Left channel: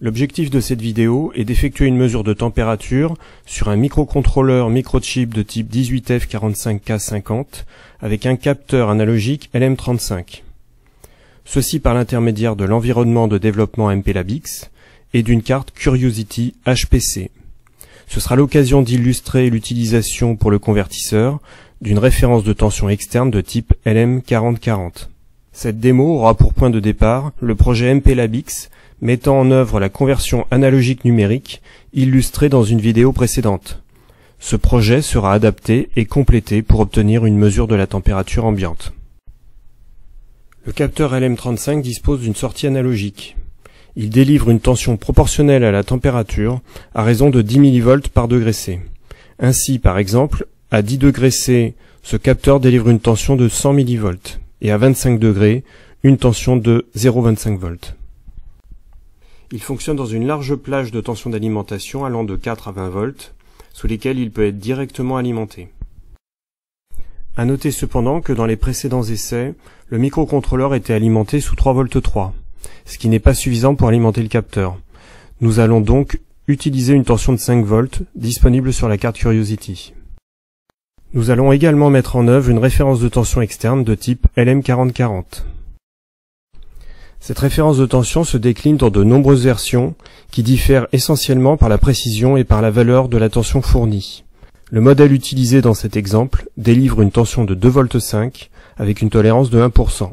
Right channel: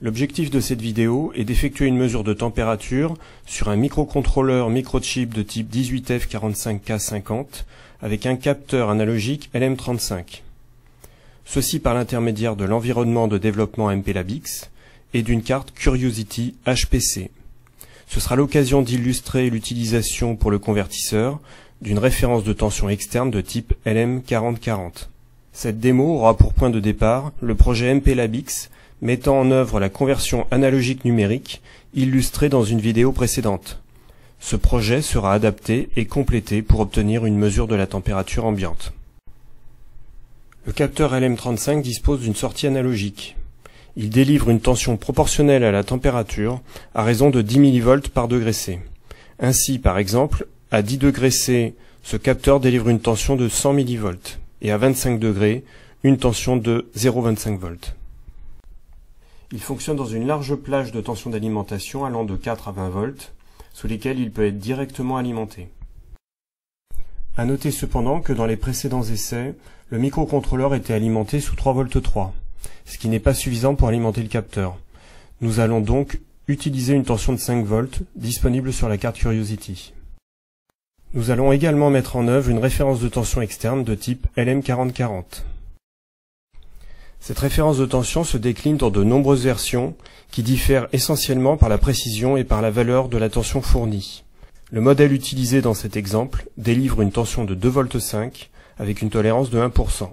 L'objectif de cette vidéo est d'effectuer une mesure de température sur un microcontrôleur microchip de type 18F45K50 avec un capteur analogique LM35. Ceci par l'intermédiaire de l'environnement de développement MPLABX et d'une carte Curiosity HPC. Ce sera l'occasion d'illustrer l'utilisation pour le convertisseur d'une référence de tension externe de type LM4040. Cette démo aura pour point de départ le projet MPLABX mettant en œuvre la conversion analogique numérique illustrée dans une vidéo précédente. Ce projet sera adapté et complété pour obtenir une mesure de la température ambiante. Le capteur LM35 dispose d'une sortie analogique. Il délivre une tension proportionnelle à la température à raison de 10 mV par degré C. Ainsi, par exemple, à 10 degrés C, ce capteur délivre une tension de 100 mV et à 25 degrés, une tension de 0,25 V. Il fonctionne dans une large plage de tension d'alimentation allant de 4 à 20 volts, sous lesquelles il peut être directement alimenté. À noter cependant que dans les précédents essais, le microcontrôleur était alimenté sous 3,3 V, ce qui n'est pas suffisant pour alimenter le capteur. Nous allons donc utiliser une tension de 5 volts disponible sur la carte Curiosity. Nous allons également mettre en œuvre une référence de tension externe de type LM4040. Cette référence de tension se décline dans de nombreuses versions qui diffèrent essentiellement par la précision et par la valeur de la tension fournie. Le modèle utilisé dans cet exemple délivre une tension de 2,5 V avec une tolérance de 1%.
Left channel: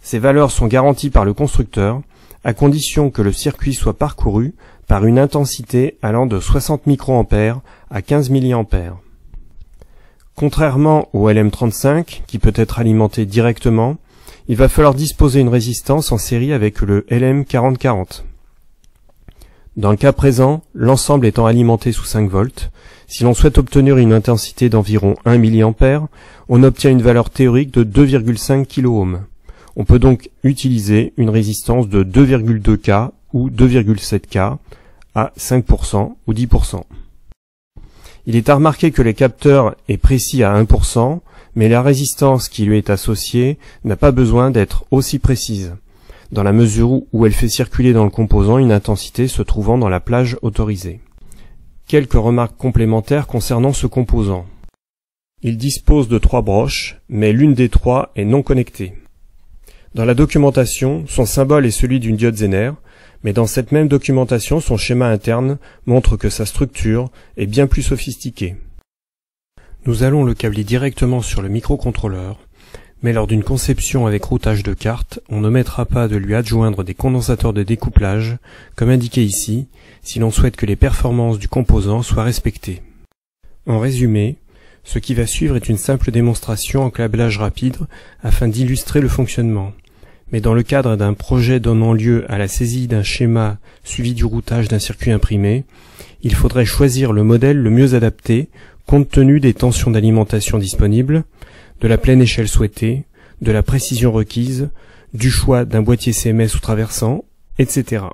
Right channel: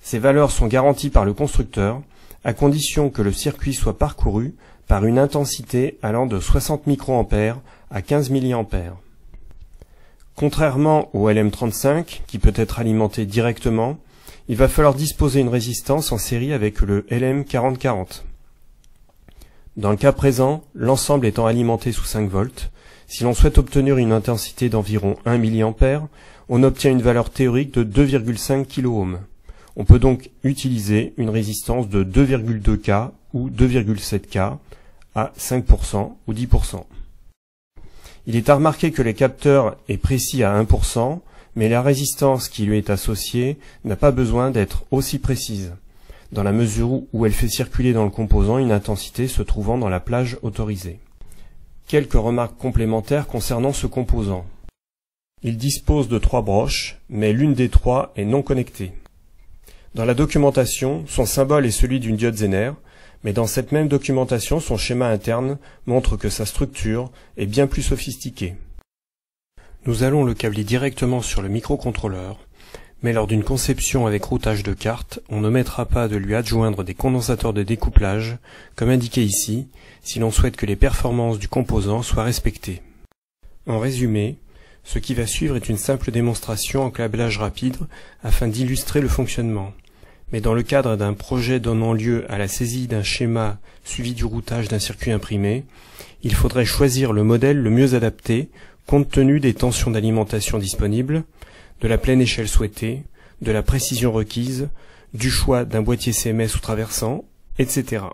Ces valeurs sont garanties par le constructeur à condition que le circuit soit parcouru par une intensité allant de 60 microampères à 15 milliampères. Contrairement au LM35 qui peut être alimenté directement, il va falloir disposer d'une résistance en série avec le LM4040. Dans le cas présent, l'ensemble étant alimenté sous 5 volts, si l'on souhaite obtenir une intensité d'environ 1 mA, on obtient une valeur théorique de 2,5 kΩ. On peut donc utiliser une résistance de 2,2 K ou 2,7 K à 5% ou 10%. Il est à remarquer que le capteur est précis à 1%, mais la résistance qui lui est associée n'a pas besoin d'être aussi précise, dans la mesure où elle fait circuler dans le composant une intensité se trouvant dans la plage autorisée. Quelques remarques complémentaires concernant ce composant. Il dispose de 3 broches, mais l'une des 3 est non connectée. Dans la documentation, son symbole est celui d'une diode Zener, mais dans cette même documentation, son schéma interne montre que sa structure est bien plus sophistiquée. Nous allons le câbler directement sur le microcontrôleur, mais lors d'une conception avec routage de carte, on n'omettra pas de lui adjoindre des condensateurs de découplage, comme indiqué ici, si l'on souhaite que les performances du composant soient respectées. En résumé, ce qui va suivre est une simple démonstration en câblage rapide afin d'illustrer le fonctionnement. Mais dans le cadre d'un projet donnant lieu à la saisie d'un schéma suivi du routage d'un circuit imprimé, il faudrait choisir le modèle le mieux adapté compte tenu des tensions d'alimentation disponibles, de la pleine échelle souhaitée, de la précision requise, du choix d'un boîtier CMS ou traversant, etc.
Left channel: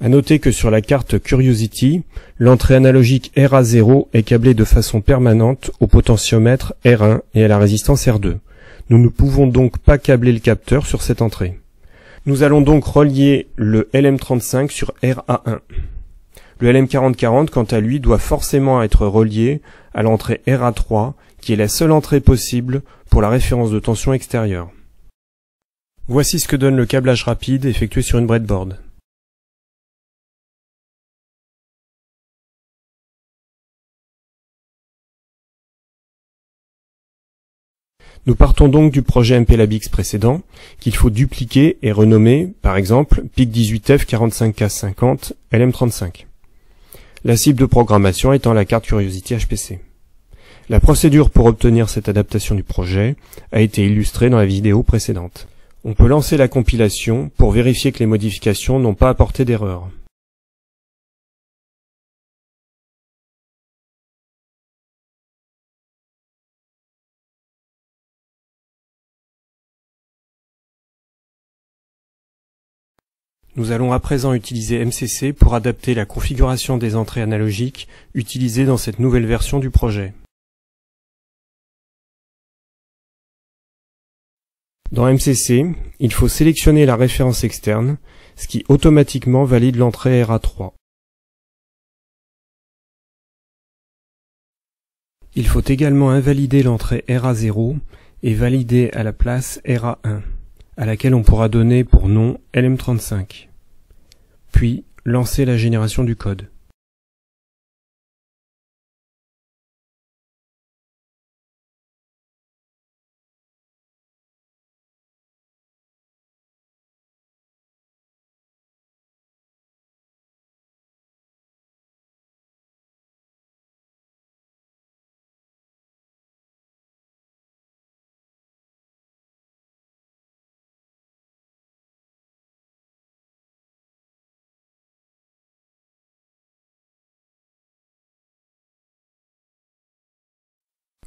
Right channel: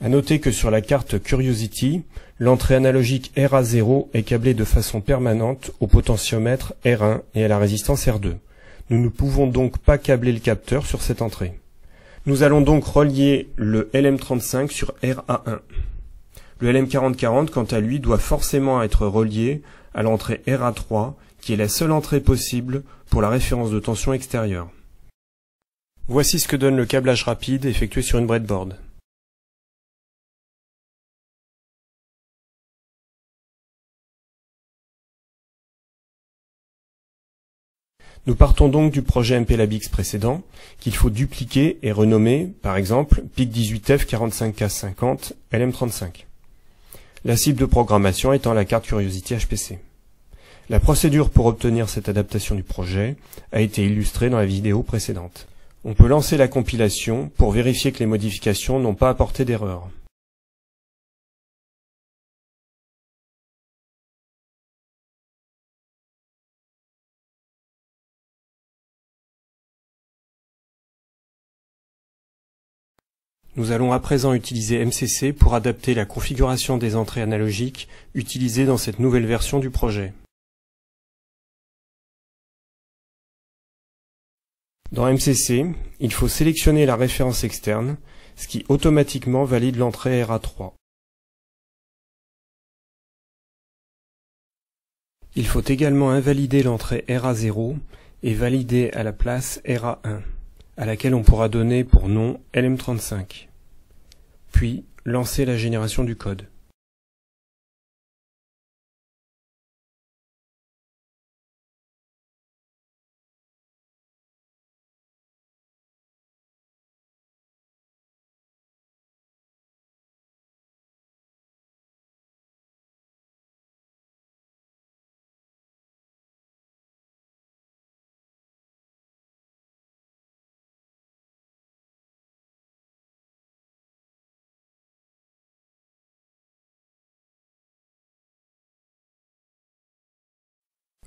À noter que sur la carte Curiosity, l'entrée analogique RA0 est câblée de façon permanente au potentiomètre R1 et à la résistance R2. Nous ne pouvons donc pas câbler le capteur sur cette entrée. Nous allons donc relier le LM35 sur RA1. Le LM4040, quant à lui, doit forcément être relié à l'entrée RA3, qui est la seule entrée possible pour la référence de tension extérieure. Voici ce que donne le câblage rapide effectué sur une breadboard. Nous partons donc du projet MPLABX précédent, qu'il faut dupliquer et renommer, par exemple, PIC18F45K50 LM35. La cible de programmation étant la carte Curiosity HPC. La procédure pour obtenir cette adaptation du projet a été illustrée dans la vidéo précédente. On peut lancer la compilation pour vérifier que les modifications n'ont pas apporté d'erreur. Nous allons à présent utiliser MCC pour adapter la configuration des entrées analogiques utilisées dans cette nouvelle version du projet. Dans MCC, il faut sélectionner la référence externe, ce qui automatiquement valide l'entrée RA3. Il faut également invalider l'entrée RA0 et valider à la place RA1, à laquelle on pourra donner pour nom LM35. Puis, lancer la génération du code.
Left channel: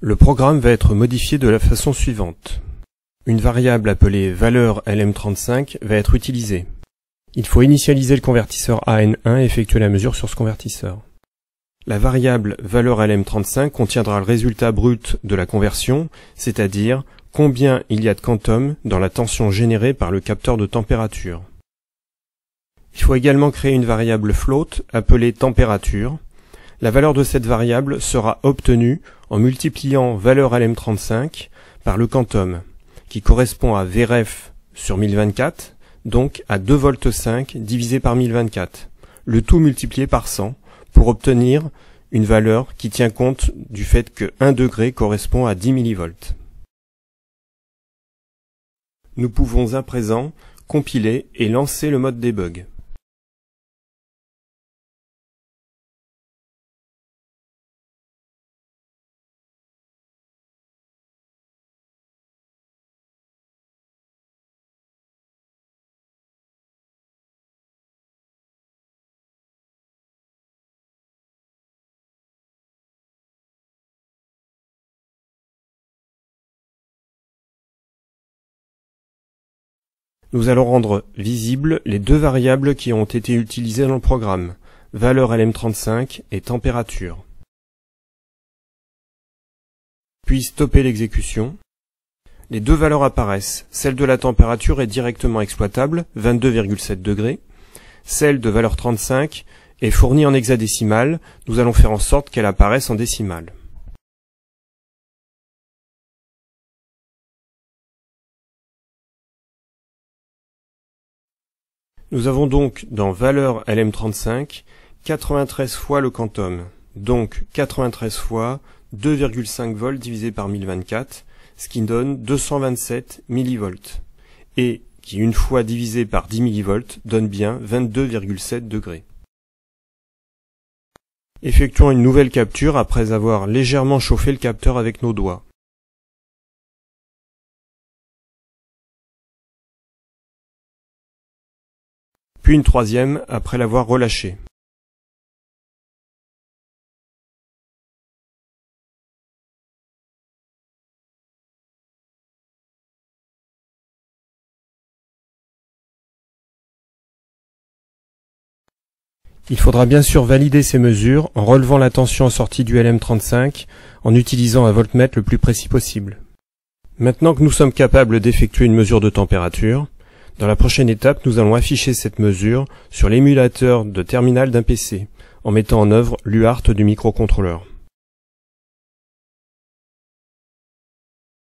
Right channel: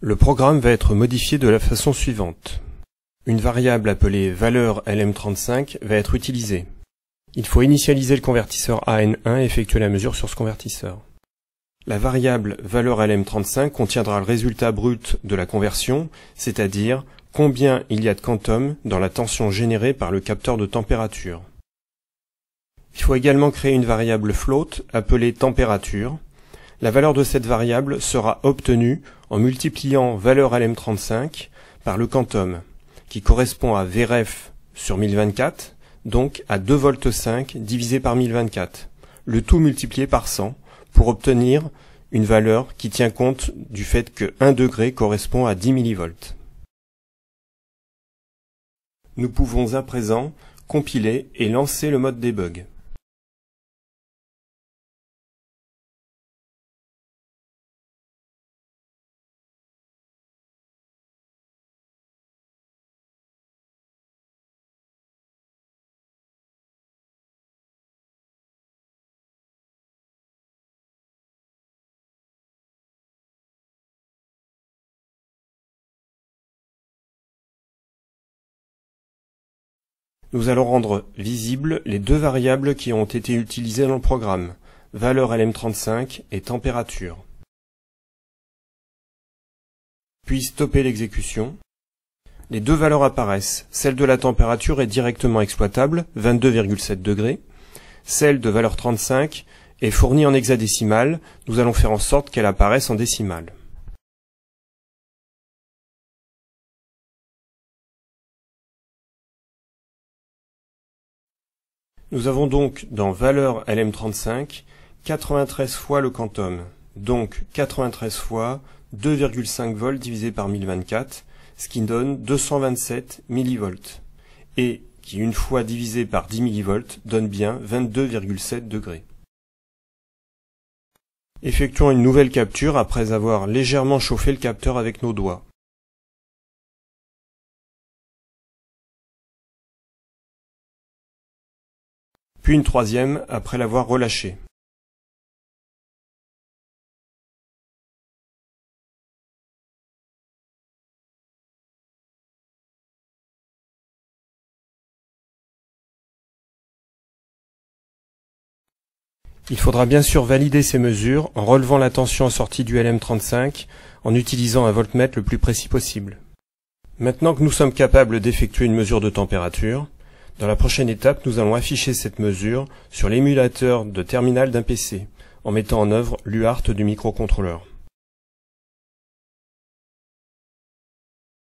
Le programme va être modifié de la façon suivante. Une variable appelée valeur LM35 va être utilisée. Il faut initialiser le convertisseur AN1 et effectuer la mesure sur ce convertisseur. La variable valeur LM35 contiendra le résultat brut de la conversion, c'est-à-dire combien il y a de quantum dans la tension générée par le capteur de température. Il faut également créer une variable float appelée température. La valeur de cette variable sera obtenue en multipliant valeur LM35 par le quantum, qui correspond à Vref sur 1024, donc à 2,5 V divisé par 1024, le tout multiplié par 100, pour obtenir une valeur qui tient compte du fait que 1 degré correspond à 10 mV. Nous pouvons à présent compiler et lancer le mode debug. Nous allons rendre visibles les deux variables qui ont été utilisées dans le programme, valeur LM35 et température. Puis stopper l'exécution. Les deux valeurs apparaissent. Celle de la température est directement exploitable, 22,7 degrés. Celle de valeur 35 est fournie en hexadécimal. Nous allons faire en sorte qu'elle apparaisse en décimale. Nous avons donc dans valeur LM35 93 fois le quantum, donc 93 fois 2,5 volts divisé par 1024, ce qui donne 227 millivolts, et qui une fois divisé par 10 millivolts donne bien 22,7 degrés. Effectuons une nouvelle capture après avoir légèrement chauffé le capteur avec nos doigts. Puis une troisième après l'avoir relâché. Il faudra bien sûr valider ces mesures en relevant la tension en sortie du LM35 en utilisant un voltmètre le plus précis possible. Maintenant que nous sommes capables d'effectuer une mesure de température, dans la prochaine étape, nous allons afficher cette mesure sur l'émulateur de terminal d'un PC, en mettant en œuvre l'UART du microcontrôleur.